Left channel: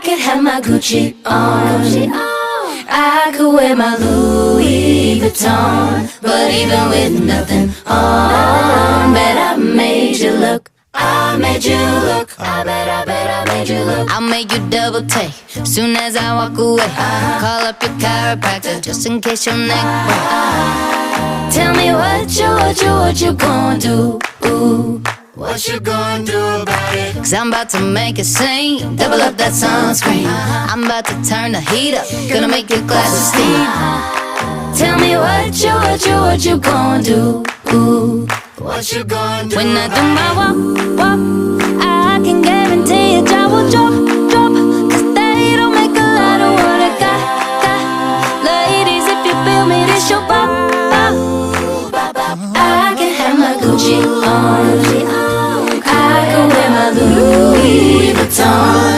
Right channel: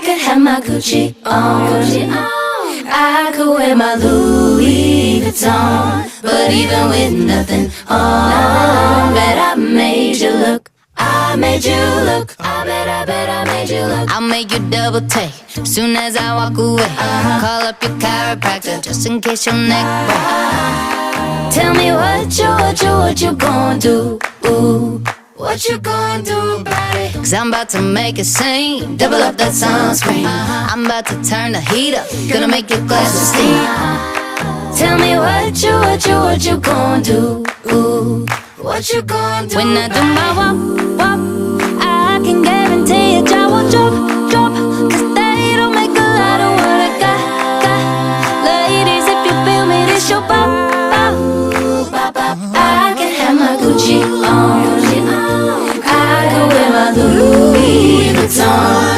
I could have my Gucci on, I could wear my Louis Vuitton, but even with nothing on, bet I made you look. I made you look. I bet I made you look. I'll make you double take soon as I walk away. Call up your chiropractor just in case your neck break. Tell me what you gonna do? What you gonna do about it? 'Cause I'm about to make a scene. Double up that sunscreen. I'm about to turn the heat up. Gonna make your glasses steam. Tell me what you gonna do? What you gonna do? When I do my walk, I can guarantee your jaw will drop.